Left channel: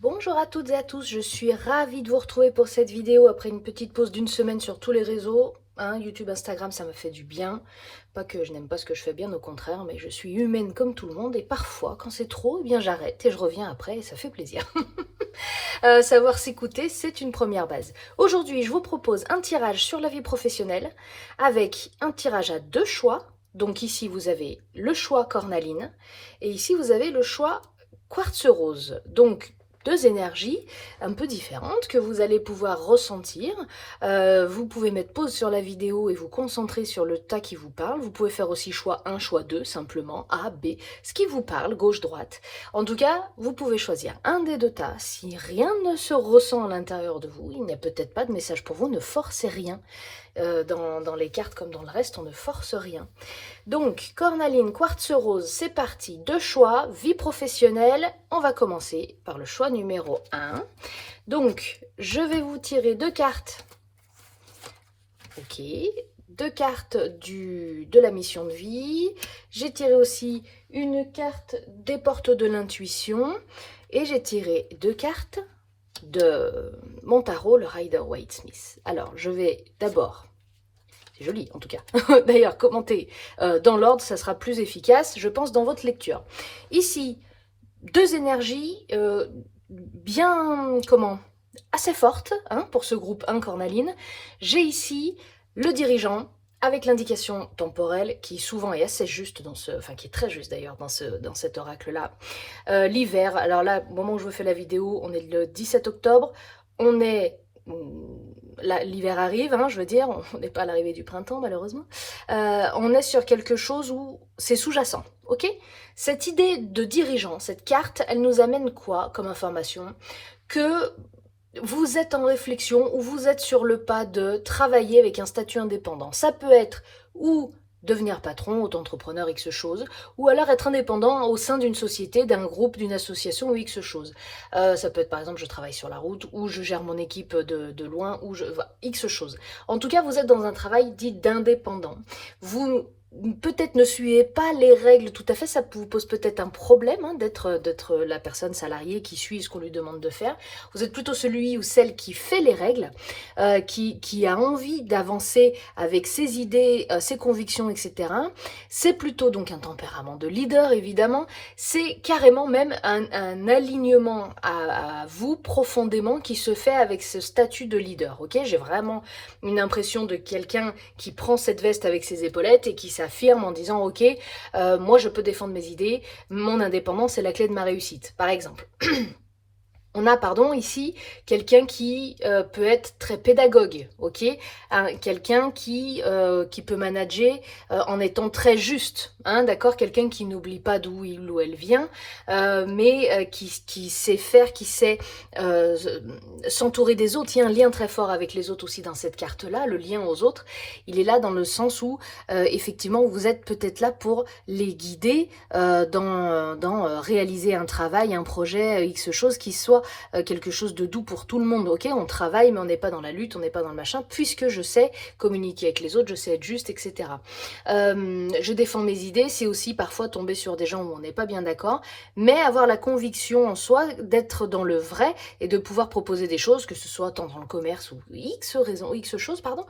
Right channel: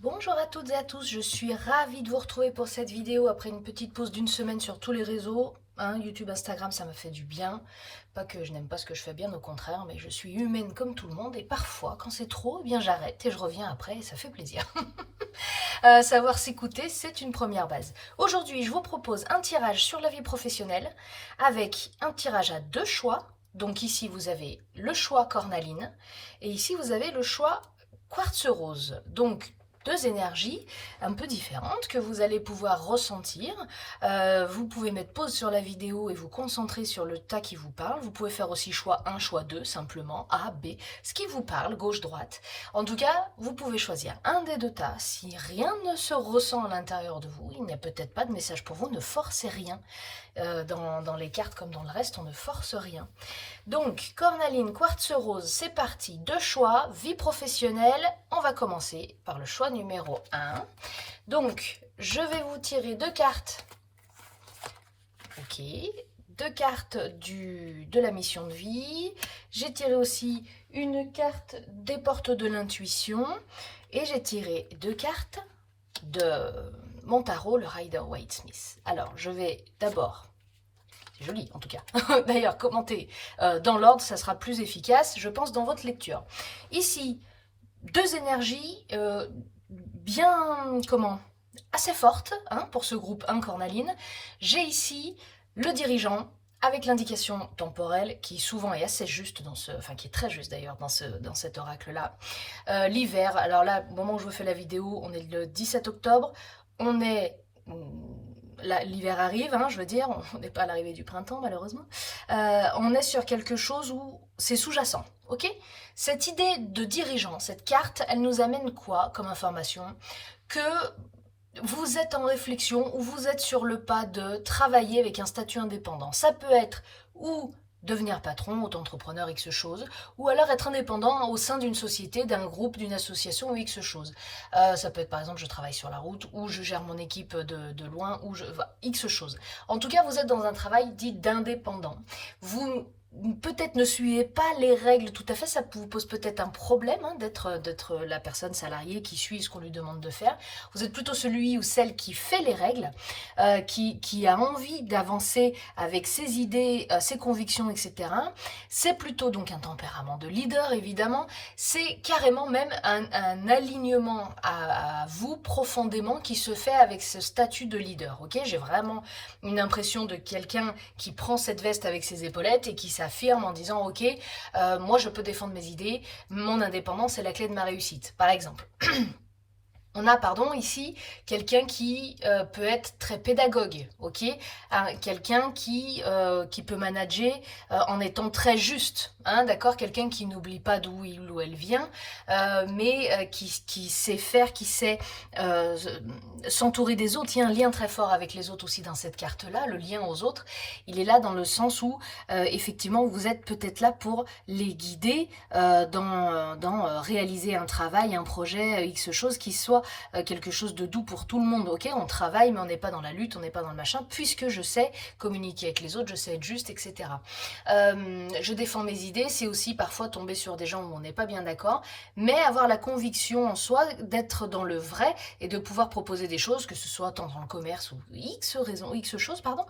Bonjour à toutes et à tous, je suis ravie de vous retrouver pour cette vidéo après une petite pause d'une semaine sur tous les réseaux. YouTube, Instagram, ça me fait du bien. Pas que je n'aime pas ce que je fais, bien au contraire, mais je suis humaine comme tout le monde et parfois, quand c'est trop, eh bien j'arrête et je reviens après et ça fait plaisir. Savoir s'écouter, c'est une première base. Aujourd'hui, je vous propose un tirage sur la vie professionnelle avec un tirage à deux choix. Donc ici, vous avez le choix cornaline et ici, vous avez le choix quartz rose. Donc, deux énergies un peu différentes que vous allez pouvoir ressentir. Vous pouvez mettre pause sur la vidéo et vous concentrer sur le tas qui vous parle. Vous pouvez faire aussi choix 1, choix 2, simplement A, B, ce qui vous parle, gauche, droite. En tout cas, vous pouvez choisir un des deux tas. Si rien ne se ressent à l'intérieur de vous, il n'y a peut-être pas de message pour vous, ne forcez rien. Dans les cartes comme dans le reste, on ne force rien. Donc, cornaline, quartz rose, c'est parti. Deux choix, vie professionnelle. On va commencer par le choix numéro 1. Donc, je vais vous tirer deux cartes. Ok. Deux cartes de la mission de vie. J'ai tiré aussi une carte des portes de l'intuition. Et j'ai tiré deux cartes de mon tarot, le Rider-Waite-Smith. Alors, je vais d'abord... C'est joli, en tout cas. D'ailleurs, commentez dans l'ordre, ça sera plus efficace, je pense, dans votre lecture. Ici, deux énergies bien, assez fortes pour ce groupe 1 cornaline. J'ai ici le dirigeant avec l'indication temporelle qui souvent est assez juste qui est très juste d'ailleurs dans cet oracle-là. L'hiver, alors là, au moment où je vous fais la vidéo, on est le 17 octobre, on est... L'hiver arrive, je veux dire, on n'est pas à l'arrivée du printemps malheureusement. On est sur quelque chose où c'est sous-jacent, ok? Cette idée de dirigeant, cette carte, elle nous amène quoi comme information? Que vous êtes en réflexion ou vous êtes sur le pas de travailler avec un statut indépendant. Ça peut être ou devenir patron, auto-entrepreneur, X chose, ou alors être indépendant au sein d'une société, d'un groupe, d'une association ou X chose. Ça peut être par exemple, je travaille sur la route, ou je gère mon équipe de loin, ou X chose. En tout cas, vous êtes dans un travail dit d'indépendant. Vous peut-être ne suivez pas les règles tout à fait, ça vous pose peut-être un problème d'être la personne salariée qui suit ce qu'on lui demande de faire. Vous êtes plutôt celui ou celle qui fait les règles, qui a envie d'avancer avec ses idées, ses convictions, etc. C'est plutôt donc un tempérament de leader, évidemment. C'est carrément même un alignement à vous profondément qui se fait avec ce statut de leader. Ok, j'ai vraiment une impression de quelqu'un qui prend cette veste avec ses épaulettes et qui s'affirme en disant ok, moi je peux défendre mes idées, mon indépendance est la clé de ma réussite, par exemple. On a, ici, quelqu'un qui peut être très pédagogue, ok, quelqu'un qui peut manager en étant très juste, d'accord, quelqu'un qui n'oublie pas d'où il ou elle vient, mais qui sait faire, qui sait s'entourer des autres. Il y a un lien très fort avec les autres aussi dans cette carte-là, le lien aux autres. Il est là dans le sens où, effectivement, vous êtes peut-être là pour les guider dans réaliser un travail, un projet, X chose qui soit quelque chose de doux pour tout le monde. Ok, on travaille, mais on n'est pas dans la lutte, on n'est pas dans le machin, puisque je sais communiquer avec les autres, je sais être juste, etc. Je défends mes idées, c'est aussi parfois tomber sur des gens où on n'est pas bien d'accord, mais avoir la conviction en soi d'être dans le vrai et de pouvoir proposer des choses, que ce soit tant dans le commerce ou X raison, X chose, pardon,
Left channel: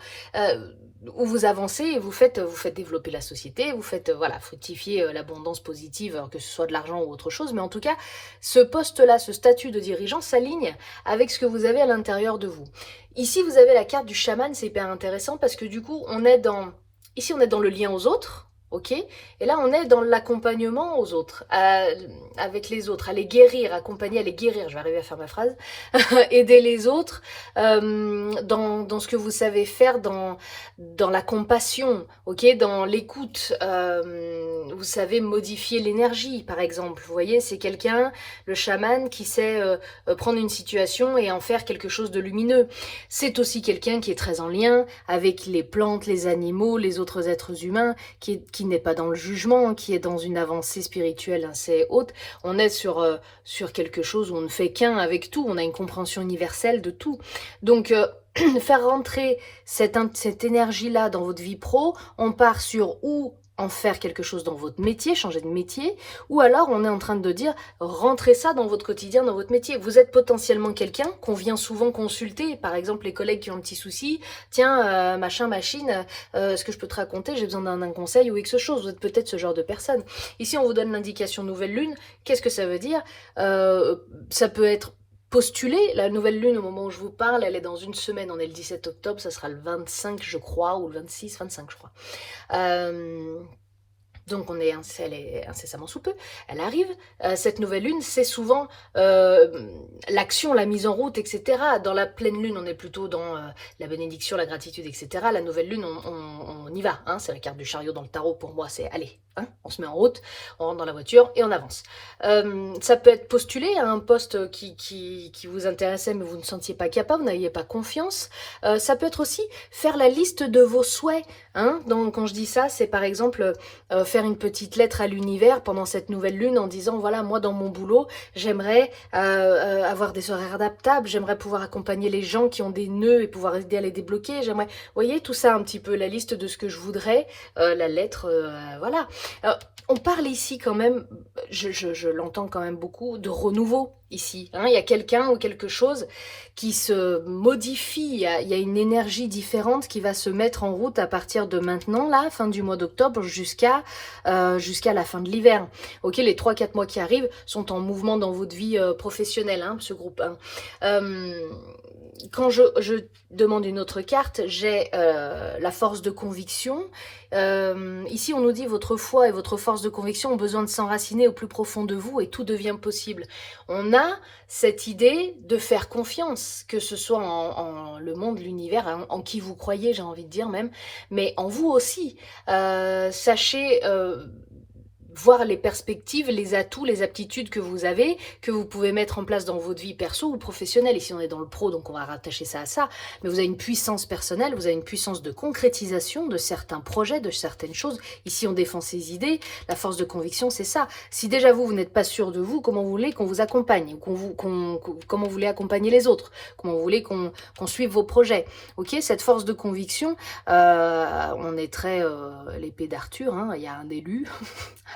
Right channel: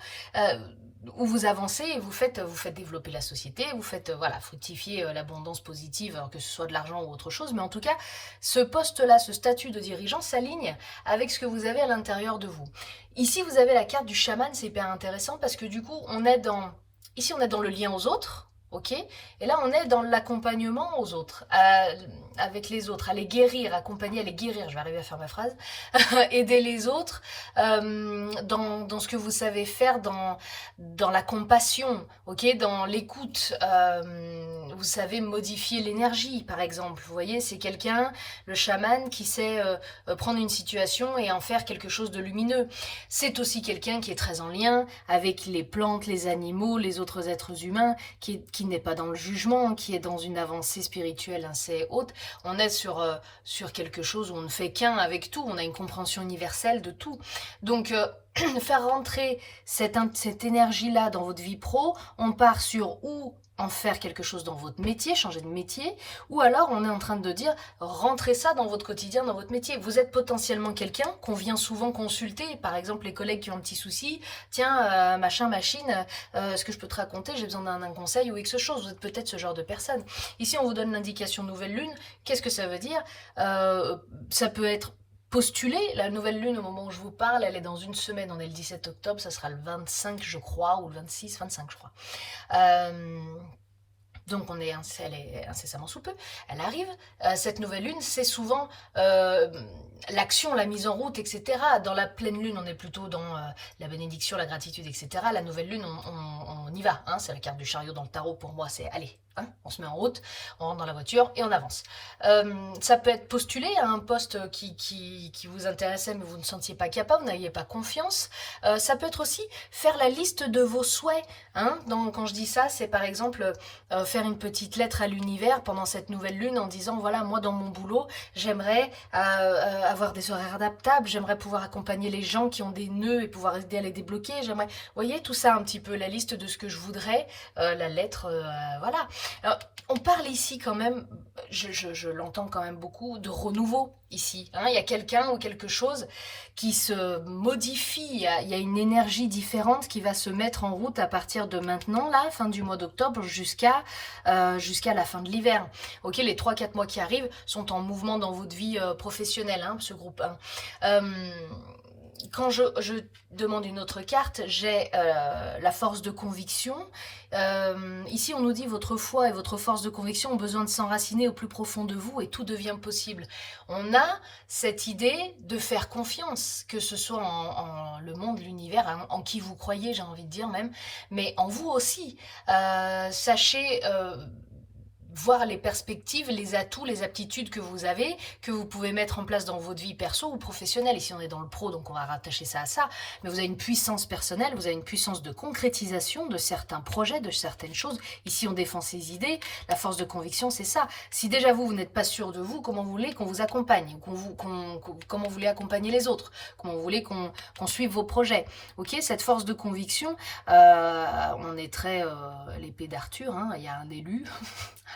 où vous avancez et vous faites développer la société, vous faites fructifier l'abondance positive, alors que ce soit de l'argent ou autre chose, mais en tout cas, ce poste-là, ce statut de dirigeant s'aligne avec ce que vous avez à l'intérieur de vous. Ici, vous avez la carte du chaman, c'est hyper intéressant parce que du coup, ici, on est dans le lien aux autres, ok? Et là, on est dans l'accompagnement aux autres, avec les autres, à les guérir, accompagner, à les guérir, je vais arriver à faire ma phrase, aider les autres dans ce que vous savez faire, dans la compassion, ok, dans l'écoute, vous savez modifier l'énergie, par exemple, vous voyez, c'est quelqu'un, le chaman, qui sait prendre une situation et en faire quelque chose de lumineux. C'est aussi quelqu'un qui est très en lien avec les plantes, les animaux, les autres êtres humains, qui n'est pas dans le jugement, qui est dans une avancée spirituelle assez haute. On est sur quelque chose où on ne fait qu'un avec tout, on a une compréhension universelle de tout. Donc, faire rentrer cette énergie-là dans votre vie pro, on part sur où en faire quelque chose dans votre métier, changer de métier, ou alors on est en train de dire rentrez ça dans votre quotidien, dans votre métier. Vous êtes potentiellement quelqu'un qu'on vient souvent consulter, par exemple les collègues qui ont un petit souci, tiens, machin, machine, est-ce que je peux te raconter, j'ai besoin d'un conseil ou X chose, vous êtes peut-être ce genre de personne. Ici on vous donne l'indication nouvelle lune, qu'est-ce que ça veut dire? Ça peut être postuler, la nouvelle lune au moment où je vous parle, elle est dans une semaine, on est le 17 octobre, ça sera le 25 je crois, ou le 26, 25 je crois. Donc elle est incessamment sous peu, elle arrive. Cette nouvelle lune, c'est souvent l'action, la mise en route, etc. Dans la pleine lune, on est plutôt dans la bénédiction, la gratitude, etc. La nouvelle lune, on y va. Hein, c'est la carte du chariot dans le tarot pour moi, c'est allez, hein, on se met en route, on rentre dans la voiture et on avance. Ça peut être postulé à un poste qui vous intéressait mais vous ne sentiez pas capable, vous n'aviez pas confiance. Ça peut être aussi faire la liste de vos souhaits. Hein. Donc quand je dis ça, c'est par exemple faire une petite lettre à l'univers pendant cette nouvelle lune en disant voilà, moi dans mon boulot, j'aimerais avoir des horaires adaptables, j'aimerais pouvoir accompagner les gens qui ont des nœuds et pouvoir aider à les débloquer, j'aimerais, vous voyez, tout ça un petit peu, la liste de ce que je voudrais, la lettre, voilà. Alors, on parle ici quand même, je l'entends quand même beaucoup, de renouveau ici. Hein. Il y a quelqu'un ou quelque chose qui se modifie, il y a une énergie différente qui va se mettre en route à partir de maintenant, là, fin du mois d'octobre, jusqu'à la fin de l'hiver. Ok, les 3-4 mois qui arrivent sont en mouvement dans votre vie professionnelle, hein, ce groupe 1. Quand je demande une autre carte, j'ai la force de conviction. Ici, on nous dit votre foi et votre force de conviction ont besoin de s'enraciner au plus profond de vous et tout devient possible. On a cette idée de faire confiance, que ce soit en le monde, l'univers, en qui vous croyez, j'ai envie de dire même, mais en vous aussi. Sachez voir les perspectives, les atouts, les aptitudes que vous avez, que vous pouvez mettre en place dans votre vie perso ou professionnelle. Ici, on est dans le pro, donc on va rattacher ça à ça. Mais vous avez une puissance personnelle, vous avez une puissance de concrétisation de certains projets, de certaines choses. Ici, on défend ses idées. La force de conviction, c'est ça. Si déjà vous n'êtes pas sûr de vous, comment vous voulez qu'on vous accompagne, comment vous voulez accompagner les autres, comment vous voulez qu'on suive vos projets. Ok, cette force de conviction, on est très l'épée d'Arthur, hein, il y a un élu.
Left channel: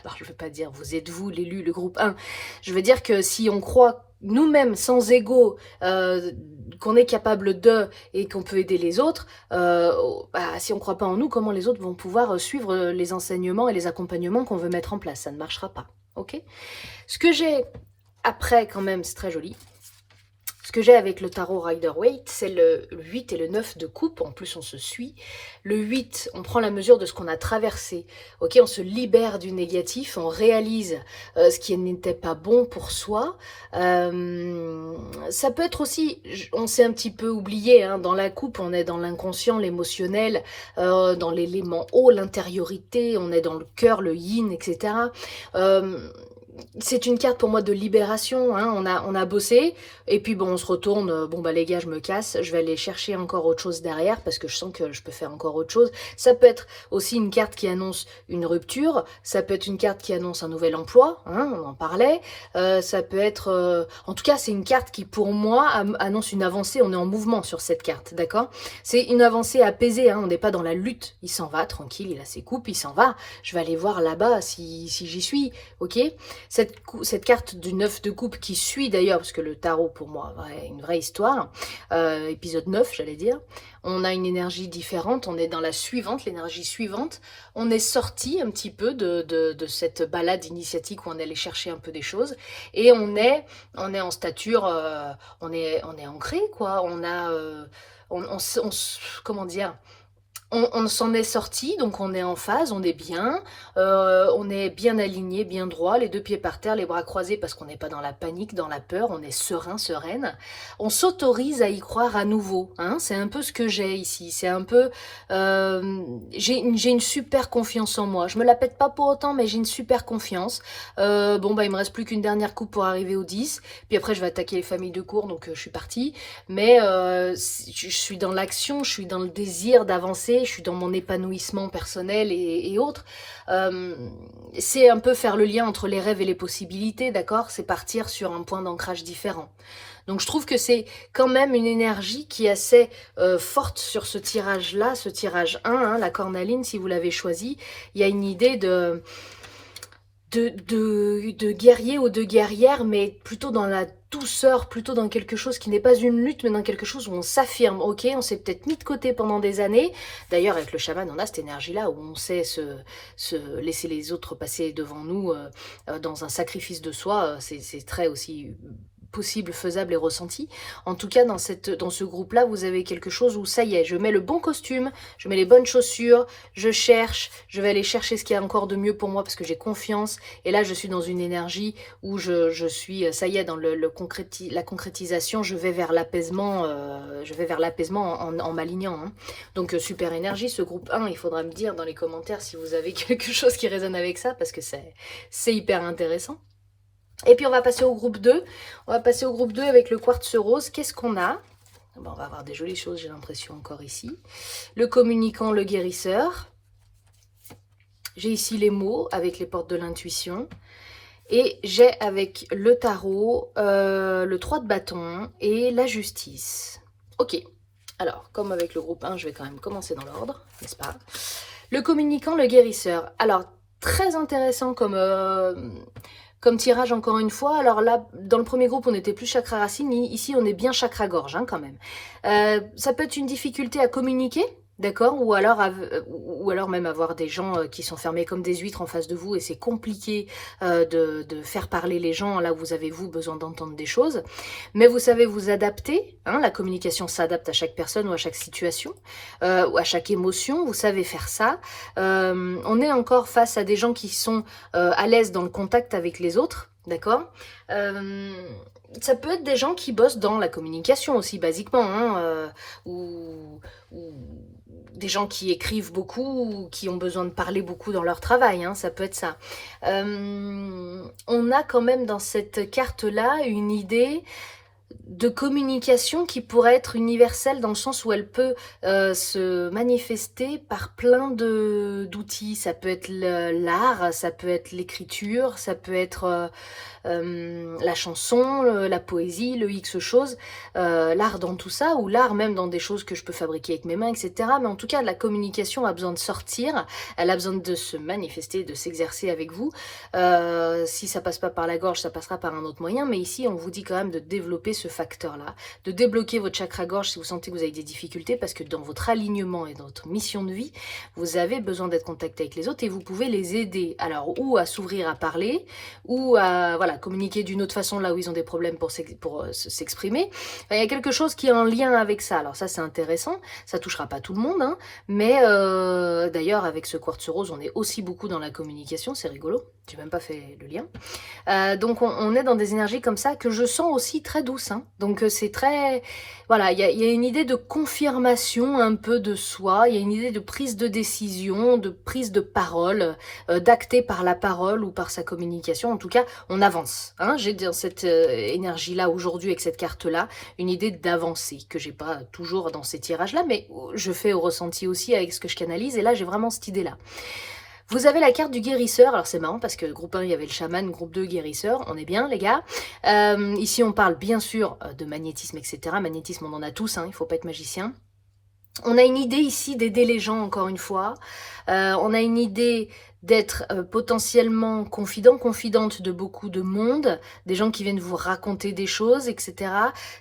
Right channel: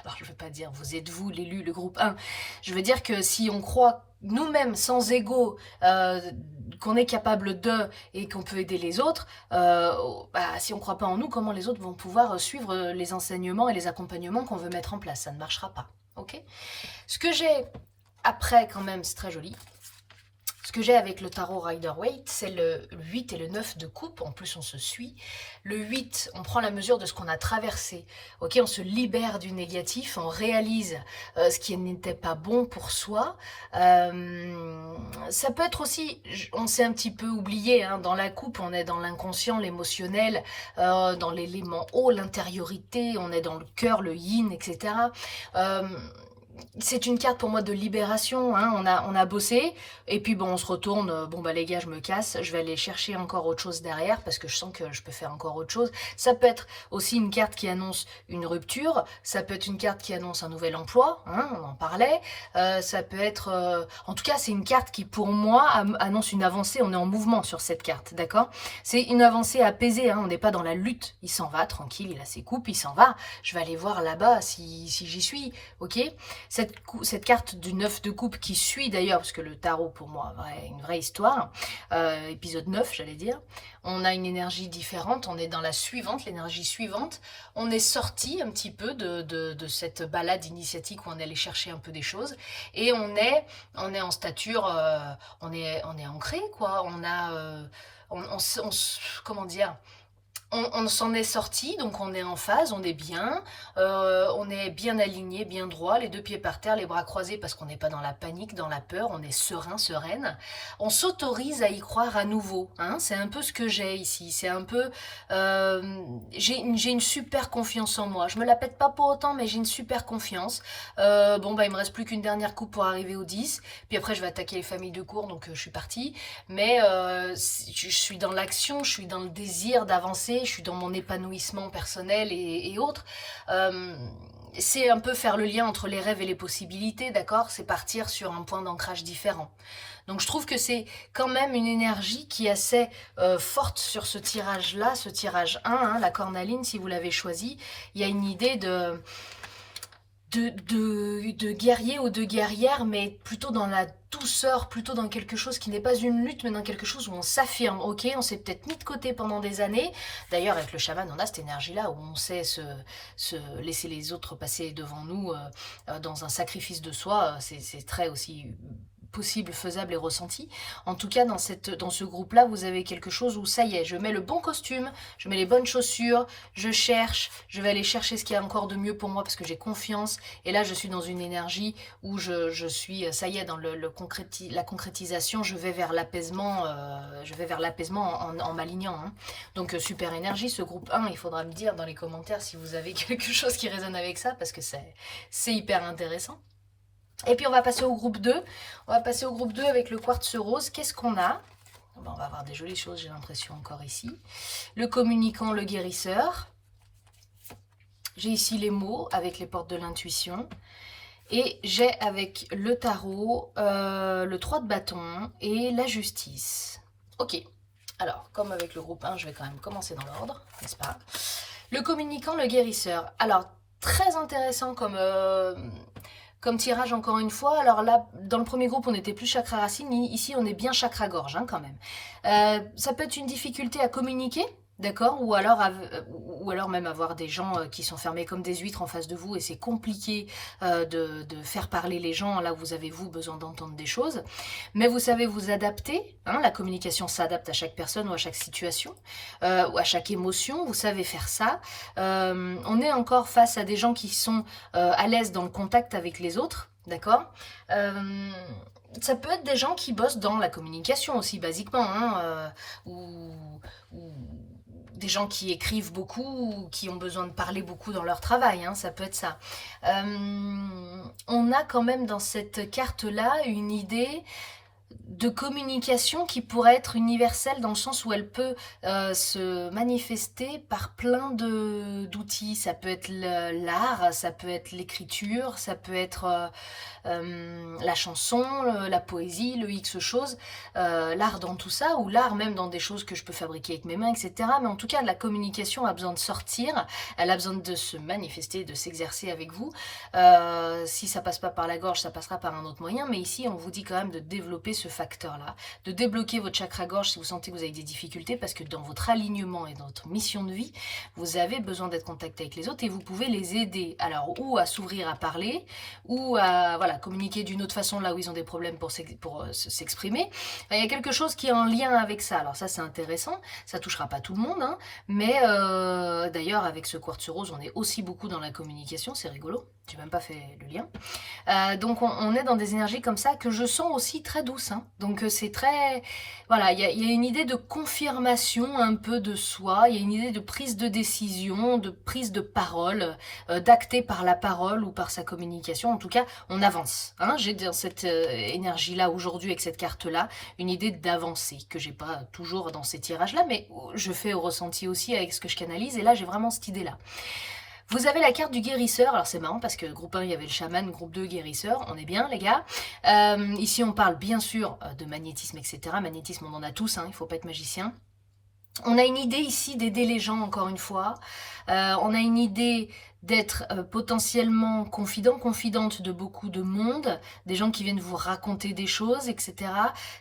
Alors, je ne veux pas dire, vous êtes vous l'élu, le groupe 1. Je veux dire que si on croit nous-mêmes, sans ego, qu'on est capable de et qu'on peut aider les autres, si on ne croit pas en nous, comment les autres vont pouvoir suivre les enseignements et les accompagnements qu'on veut mettre en place? Ça ne marchera pas. Ok. Ce que j'ai après, quand même, c'est très joli. Ce que j'ai avec le tarot Rider-Waite, c'est le 8 et le 9 de coupe. En plus, on se suit. Le 8, on prend la mesure de ce qu'on a traversé. Ok, on se libère du négatif, on réalise ce qui n'était pas bon pour soi. Ça peut être aussi, on s'est un petit peu oublié, hein, dans la coupe, on est dans l'inconscient, l'émotionnel, dans l'élément haut, l'intériorité, on est dans le cœur, le yin, etc. C'est une carte pour moi de libération, hein. On a bossé, et puis bon, on se retourne, bon bah les gars, je me casse, je vais aller chercher encore autre chose derrière, parce que je sens que je peux faire encore autre chose. Ça peut être aussi une carte qui annonce une rupture, ça peut être une carte qui annonce un nouvel emploi, hein, on en parlait, ça peut être, en tout cas c'est une carte qui pour moi annonce une avancée, on est en mouvement sur cette carte, d'accord? C'est une avancée apaisée, hein, on n'est pas dans la lutte, il s'en va, tranquille, il a ses coupes, il s'en va, je vais aller voir là-bas si j'y suis, ok? Cette carte du 9 de coupe qui suit d'ailleurs, parce que le tarot pour moi, une vraie histoire, épisode 9 j'allais dire, on a une énergie différente, on est dans la suivante, l'énergie suivante, on est sorti un petit peu de cette balade initiatique où on allait chercher un peu des choses, et on est en stature, on est ancré quoi, comment dire, on s'en est sorti, donc on est en phase, on est bien aligné, bien droit, les deux pieds par terre, les bras croisés parce qu'on n'est pas dans la panique, dans la peur, on est serein, sereine. On s'autorise à y croire à nouveau, hein, c'est un peu ce que j'ai ici, c'est un peu, j'ai une super confiance en moi, je me la pète pas pour autant, mais j'ai une super confiance. Bon bah il me reste plus qu'une dernière coupe pour arriver au 10, puis après je vais attaquer les familles de cours, donc je suis partie, mais je suis dans l'action, je suis dans le désir d'avancer, idée, je suis dans mon épanouissement personnel et autres. C'est un peu faire le lien entre les rêves et les possibilités, d'accord? C'est partir sur un point d'ancrage différent. Donc je trouve que c'est quand même une énergie qui est assez forte sur ce tirage-là, ce tirage 1, hein, la cornaline, si vous l'avez choisi. Il y a une idée de guerrier ou de guerrière, mais plutôt dans la douceur, plutôt dans quelque chose qui n'est pas une lutte, mais dans quelque chose où on s'affirme. Ok, on s'est peut-être mis de côté pendant des années. D'ailleurs, avec le chaman, on a cette énergie-là où on sait se laisser les autres passer devant nous dans un sacrifice de soi. C'est très aussi possible, faisable et ressenti. En tout cas, dans ce groupe-là, vous avez quelque chose où ça y est, je mets le bon costume, je mets les bonnes chaussures, je cherche, je vais aller chercher ce qu'il y a encore de mieux pour moi parce que j'ai confiance. Et là, je suis dans une énergie où je suis, ça y est, dans la concrétisation, je vais vers l'apaisement en m'alignant. Hein. Donc, super énergie, ce groupe 1, il faudra me dire dans les commentaires si vous avez quelque chose qui résonne avec ça parce que c'est hyper intéressant. Et puis on va passer au groupe 2. On va passer au groupe 2 avec le quartz rose. Qu'est-ce qu'on a? Bon, on va avoir des jolies choses, j'ai l'impression, encore ici. Le communicant, le guérisseur. J'ai ici les mots avec les portes de l'intuition. Et j'ai avec le tarot, le 3 de bâton et la justice. Ok. Alors, comme avec le groupe 1, je vais quand même commencer dans l'ordre, n'est-ce pas? Le communicant, le guérisseur. Alors, très intéressant comme tirage, encore une fois. Alors là, dans le premier groupe, on était plus chakra racine. Ici, on est bien chakra gorge, hein, quand même. Ça peut être une difficulté à communiquer, d'accord, ou alors même avoir des gens qui sont fermés comme des huîtres en face de vous et c'est compliqué de faire parler les gens là où vous avez besoin d'entendre des choses. Mais vous savez vous adapter, hein, la communication s'adapte à chaque personne ou à chaque situation, ou à chaque émotion, vous savez faire ça. On est encore face à des gens qui sont à l'aise dans le contact avec les autres, d'accord. Ça peut être des gens qui bossent dans la communication aussi, basiquement, hein, ou des gens qui écrivent beaucoup, ou qui ont besoin de parler beaucoup dans leur travail, hein, ça peut être ça. On a quand même dans cette carte-là une idée de communication qui pourrait être universelle dans le sens où elle peut se manifester par plein d'outils. Ça peut être l'art, ça peut être l'écriture, ça peut être la chanson, la poésie, le X chose, l'art dans tout ça, ou l'art même dans des choses que je peux fabriquer avec mes mains, etc. Mais en tout cas, la communication a besoin de sortir, elle a besoin de se manifester, de s'exercer avec vous. Si ça passe pas par la gorge, ça passera par un autre moyen, mais ici, on vous dit quand même de développer ce facteur-là, de débloquer votre chakra-gorge si vous sentez que vous avez des difficultés, parce que dans votre alignement et dans votre mission de vie, vous avez besoin d'être contacté avec les autres et vous pouvez les aider. Alors, ou à s'ouvrir à parler, ou à communiquer d'une autre façon là où ils ont des problèmes pour s'exprimer. Il y a quelque chose qui est en lien avec ça. Alors ça, c'est intéressant. Ça touchera pas tout le monde, hein, mais d'ailleurs, avec ce quartz rose, on est aussi beaucoup dans la communication. C'est rigolo. J'ai même pas fait le lien. Donc, on est dans des énergies comme ça que je sens aussi très douces. Hein. Donc, c'est très... Voilà, il y a une idée de confirmation un peu de soi. Il y a une idée de prise de décision, de prise de parole, d'acter par la parole ou par sa communication. En tout cas, on avance. Hein. J'ai dans cette énergie-là aujourd'hui, avec cette carte-là, une idée d'avancer que j'ai pas toujours dans ces tirages-là, mais je fais au ressenti aussi avec ce que je canalise. Et là, j'ai vraiment cette idée-là. Vous avez la carte du guérisseur, alors c'est marrant parce que groupe 1 il y avait le chaman, groupe 2 guérisseur, on est bien les gars. Ici on parle bien sûr de magnétisme, etc. Magnétisme on en a tous, hein, il ne faut pas être magicien. On a une idée ici d'aider les gens encore une fois, on a une idée d'être potentiellement confidente de beaucoup de monde, des gens qui viennent vous raconter des choses, etc.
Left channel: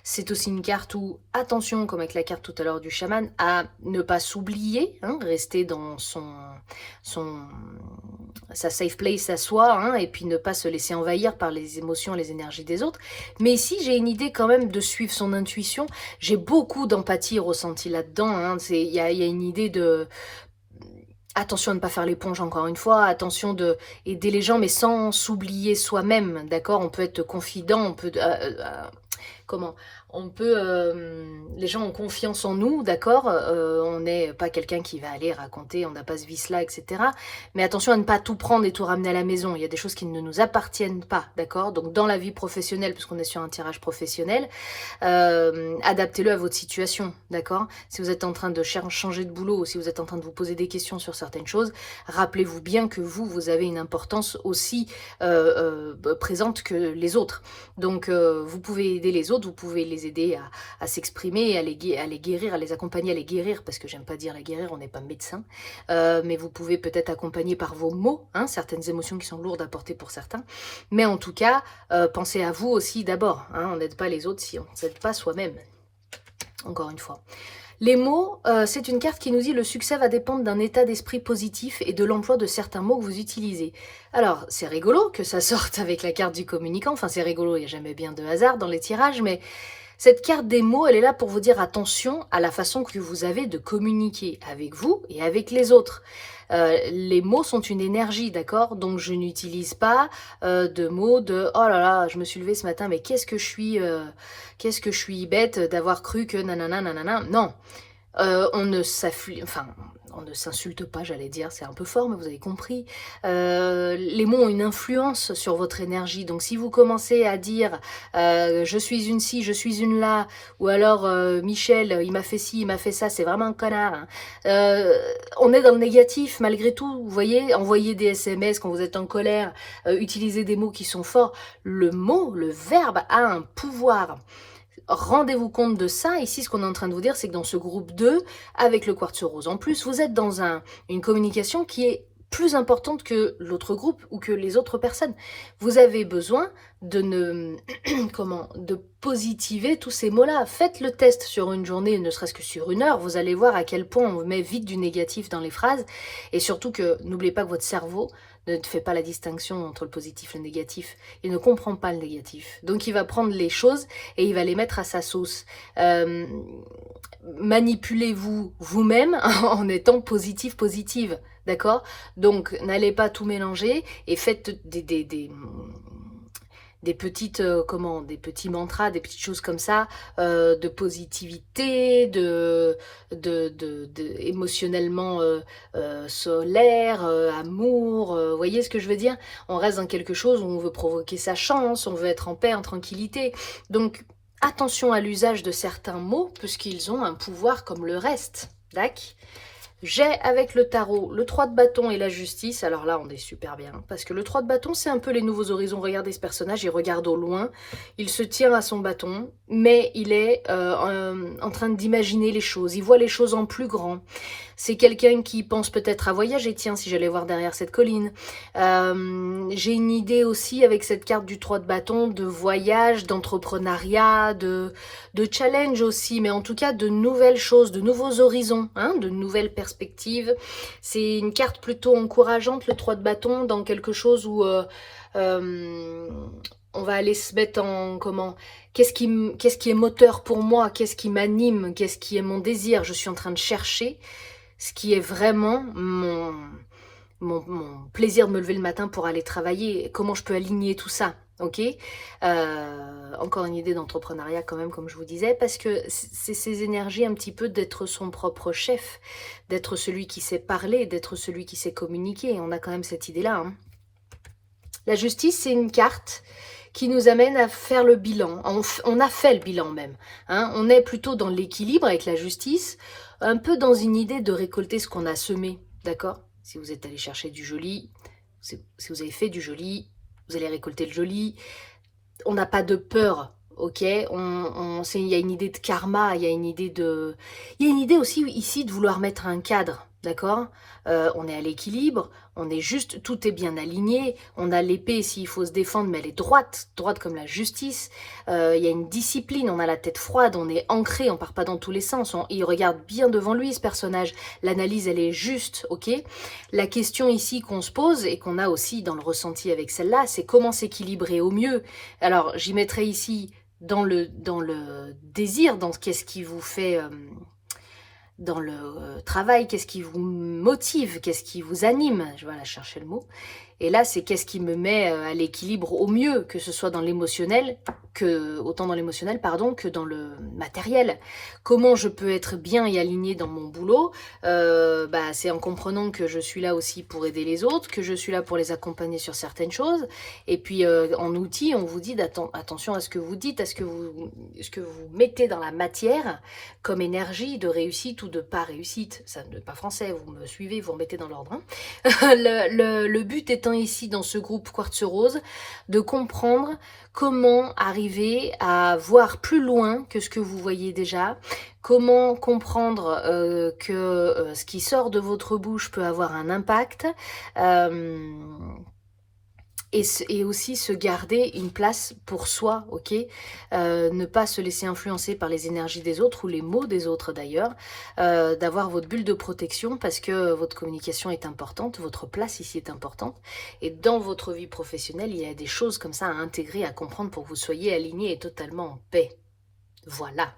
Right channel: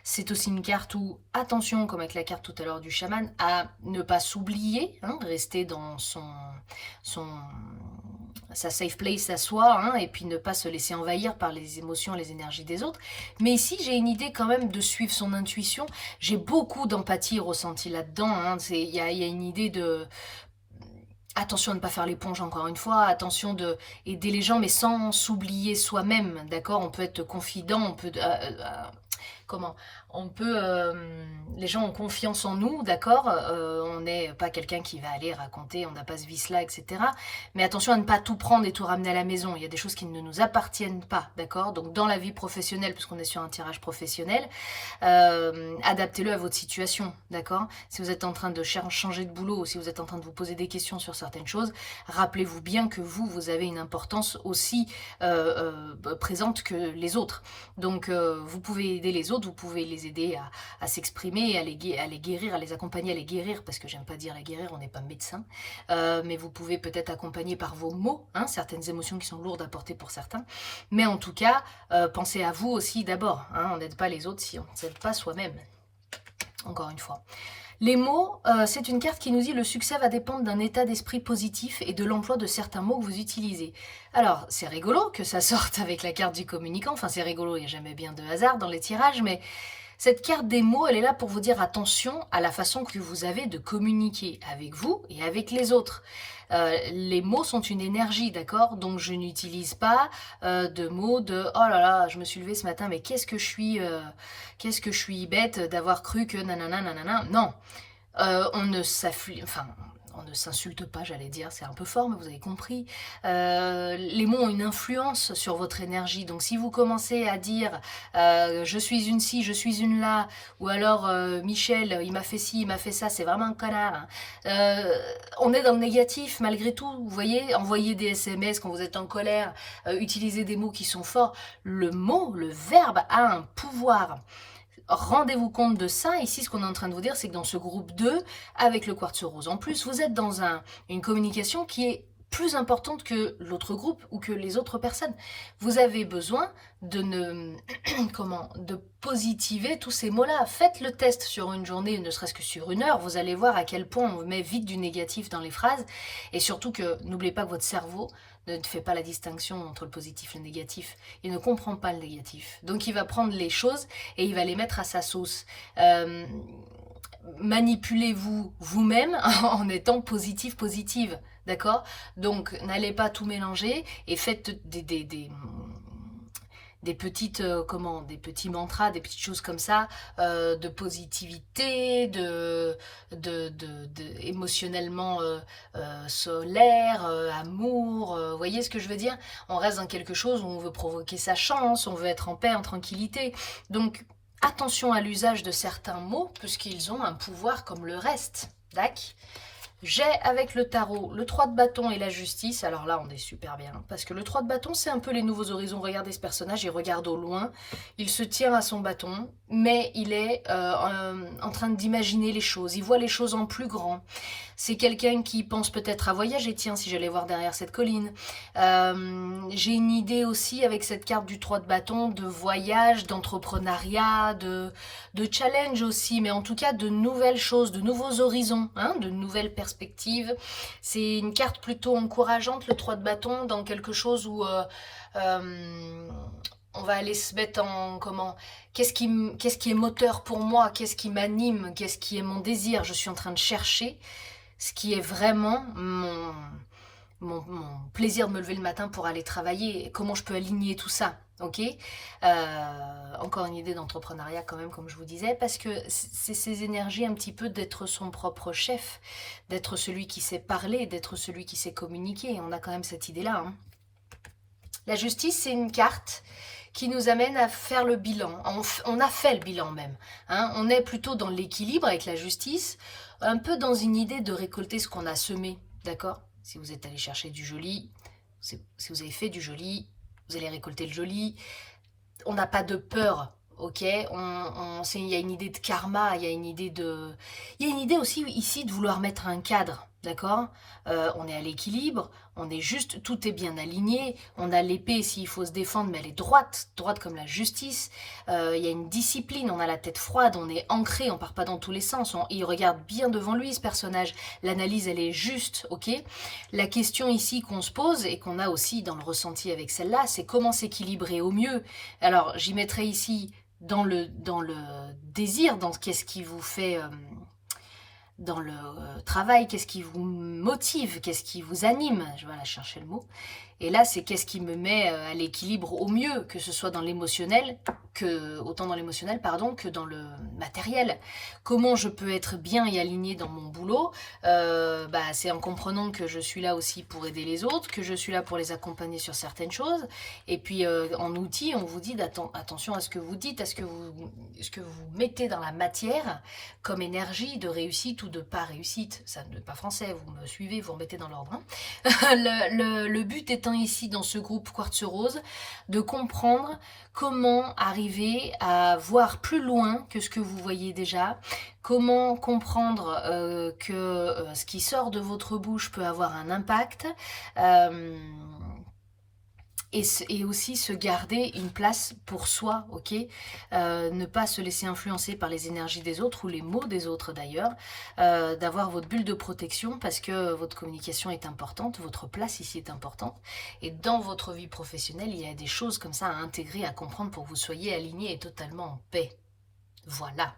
C'est aussi une carte où, attention, comme avec la carte tout à l'heure du chaman, à ne pas s'oublier, hein, rester dans sa safe place à soi, hein, et puis ne pas se laisser envahir par les émotions, les énergies des autres. Mais ici, j'ai une idée quand même de suivre son intuition. J'ai beaucoup d'empathie ressentie là-dedans. Hein. Il y a une idée de... Attention à ne pas faire l'éponge encore une fois, attention de aider les gens mais sans s'oublier soi-même, d'accord. On peut être confident, on peut... comment on peut, les gens ont confiance en nous, d'accord, on n'est pas quelqu'un qui va aller raconter, on n'a pas ce vice-là, etc. Mais attention à ne pas tout prendre et tout ramener à la maison. Il y a des choses qui ne nous appartiennent pas, d'accord. Donc dans la vie professionnelle, puisqu'on est sur un tirage professionnel, adaptez-le à votre situation, d'accord. Si vous êtes en train de changer de boulot, ou si vous êtes en train de vous poser des questions sur certaines choses, rappelez-vous bien que vous avez une importance aussi présente que les autres. Donc vous pouvez aider les autres, vous pouvez les aider à s'exprimer, à les guérir, à les accompagner, à les guérir, parce que j'aime pas dire les guérir, on n'est pas médecin, mais vous pouvez peut-être accompagner par vos mots, hein, certaines émotions qui sont lourdes à porter pour certains, mais en tout cas, pensez à vous aussi d'abord, hein, on n'aide pas les autres si on ne s'aide pas soi-même, encore une fois. Les mots, c'est une carte qui nous dit « Le succès va dépendre d'un état d'esprit positif et de l'emploi de certains mots que vous utilisez ». Alors, c'est rigolo que ça sorte avec la carte du communicant. Enfin, c'est rigolo, il n'y a jamais bien de hasard dans les tirages, mais cette carte des mots, elle est là pour vous dire attention à la façon que vous avez de communiquer avec vous et avec les autres. Les mots sont une énergie, d'accord? Donc je n'utilise pas de mots de « Oh là là, je me suis levée ce matin, mais qu'est-ce que je suis bête d'avoir cru que nanana nanana ». Non, on ne s'insulte pas, j'allais dire, c'est un peu fort, mais vous avez compris. Les mots ont une influence sur votre énergie, donc si vous commencez à dire je suis une ci, je suis une là, ou alors Michel, il m'a fait ci, il m'a fait ça, c'est vraiment un connard, hein. On est dans le négatif malgré tout, vous voyez, envoyer des SMS quand vous êtes en colère, utiliser des mots qui sont forts, le mot, le verbe a un pouvoir. Rendez-vous compte de ça. Ici, ce qu'on est en train de vous dire, c'est que dans ce groupe 2, avec le quartz rose en plus, vous êtes dans une communication qui est plus importante que l'autre groupe ou que les autres personnes. Vous avez besoin de positiver tous ces mots-là. Faites le test sur une journée, ne serait-ce que sur une heure. Vous allez voir à quel point on met vite du négatif dans les phrases. Et surtout que, n'oubliez pas que votre cerveau ne fait pas la distinction entre le positif et le négatif. Il ne comprend pas le négatif. Donc il va prendre les choses et il va les mettre à sa sauce. Manipulez-vous vous-même en étant positive. D'accord? Donc n'allez pas tout mélanger et faites des petites, des petits mantras, des petites choses comme ça, de positivité, émotionnellement solaire, amour, voyez ce que je veux dire? On reste dans quelque chose où on veut provoquer sa chance, on veut être en paix, en tranquillité. Donc, attention à l'usage de certains mots, puisqu'ils ont un pouvoir comme le reste, d'accord? J'ai avec le tarot le 3 de bâton et la justice. Alors là, on est super bien. Parce que le 3 de bâton, c'est un peu les nouveaux horizons. Regardez ce personnage, il regarde au loin. Il se tient à son bâton. Mais il est en train d'imaginer les choses. Il voit les choses en plus grand. C'est quelqu'un qui pense peut-être à voyager. Tiens, si j'allais voir derrière cette colline. J'ai une idée aussi avec cette carte du 3 de bâton de voyage, d'entrepreneuriat, de challenge aussi. Mais en tout cas, de nouvelles choses, de nouveaux horizons, hein, de nouvelles perspectives. C'est une carte plutôt encourageante, le 3 de bâton, dans quelque chose où on va aller se mettre en qu'est-ce qui est moteur pour moi, qu'est-ce qui m'anime, qu'est-ce qui est mon désir. Je suis en train de chercher ce qui est vraiment mon plaisir de me lever le matin pour aller travailler, comment je peux aligner tout ça, ok? Encore une idée d'entrepreneuriat quand même, comme je vous disais, parce que c'est ces énergies un petit peu d'être son propre chef, d'être celui qui sait parler, d'être celui qui sait communiquer, on a quand même cette idée-là, hein. La justice, c'est une carte qui nous amène à faire le bilan. On a fait le bilan même, hein. On est plutôt dans l'équilibre avec la justice, un peu dans une idée de récolter ce qu'on a semé, d'accord? Si vous êtes allé chercher du joli, si vous avez fait du joli, vous allez récolter le joli. On n'a pas de peur, ok? Il y a une idée de karma, il y a une idée aussi ici de vouloir mettre un cadre, d'accord? On est à l'équilibre, on est juste, tout est bien aligné, on a l'épée s'il faut se défendre, mais elle est droite comme la justice. Il y a une discipline, on a la tête froide, on est ancré, on part pas dans tous les sens, il regarde bien devant lui ce personnage, l'analyse elle est juste, ok? La question ici qu'on se pose et qu'on a aussi dans le ressenti avec celle-là, c'est comment s'équilibrer au mieux. Alors j'y mettrai ici dans le désir, dans qu'est-ce qui vous fait... dans le travail, qu'est-ce qui vous motive, qu'est-ce qui vous anime, je vais aller chercher le mot, Et là, c'est qu'est-ce qui me met à l'équilibre au mieux, que ce soit dans l'émotionnel, autant dans l'émotionnel, pardon, que dans le matériel. Comment je peux être bien et alignée dans mon boulot? C'est en comprenant que je suis là aussi pour aider les autres, que je suis là pour les accompagner sur certaines choses. Et puis, en outil, on vous dit attention à ce que vous dites, à ce que vous mettez dans la matière comme énergie de réussite ou de pas réussite. Ça n'est pas français, vous me suivez, vous remettez dans l'ordre. Hein. Le but étant ici, dans ce groupe Quartz Rose, de comprendre comment arriver à voir plus loin que ce que vous voyez déjà, comment comprendre que ce qui sort de votre bouche peut avoir un impact, et aussi se garder une place pour soi, ok? Ne pas se laisser influencer par les énergies des autres ou les mots des autres d'ailleurs, d'avoir votre bulle de protection parce que votre communication est importante, votre place ici est importante, et dans votre vie professionnelle, il y a des choses comme ça à intégrer, à comprendre pour que vous soyez alignés et totalement en paix. Voilà.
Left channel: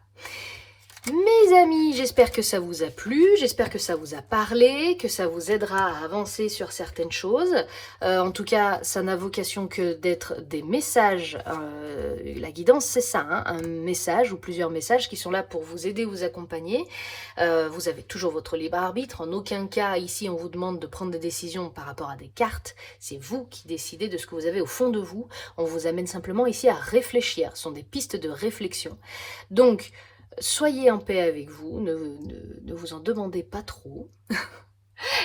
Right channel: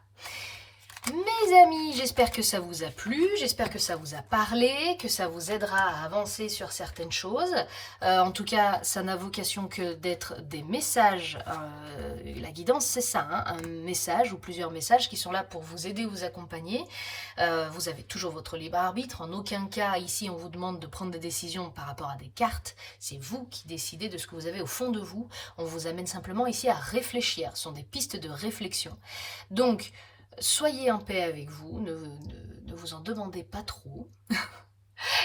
Mes amis, j'espère que ça vous a plu, j'espère que ça vous a parlé, que ça vous aidera à avancer sur certaines choses. En tout cas, ça n'a vocation que d'être des messages. La guidance, c'est ça, hein, un message ou plusieurs messages qui sont là pour vous aider, vous accompagner. Vous avez toujours votre libre arbitre. En aucun cas, ici, on vous demande de prendre des décisions par rapport à des cartes. C'est vous qui décidez de ce que vous avez au fond de vous. On vous amène simplement ici à réfléchir. Ce sont des pistes de réflexion. Donc, soyez en paix avec vous, ne vous en demandez pas trop.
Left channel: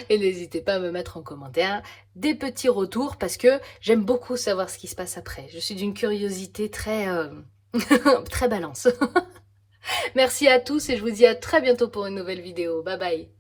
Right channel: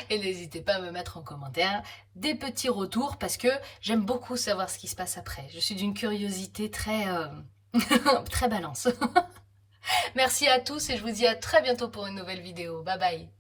Et n'hésitez pas à me mettre en commentaire des petits retours parce que j'aime beaucoup savoir ce qui se passe après. Je suis d'une curiosité très, très balance. Merci à tous et je vous dis à très bientôt pour une nouvelle vidéo. Bye bye.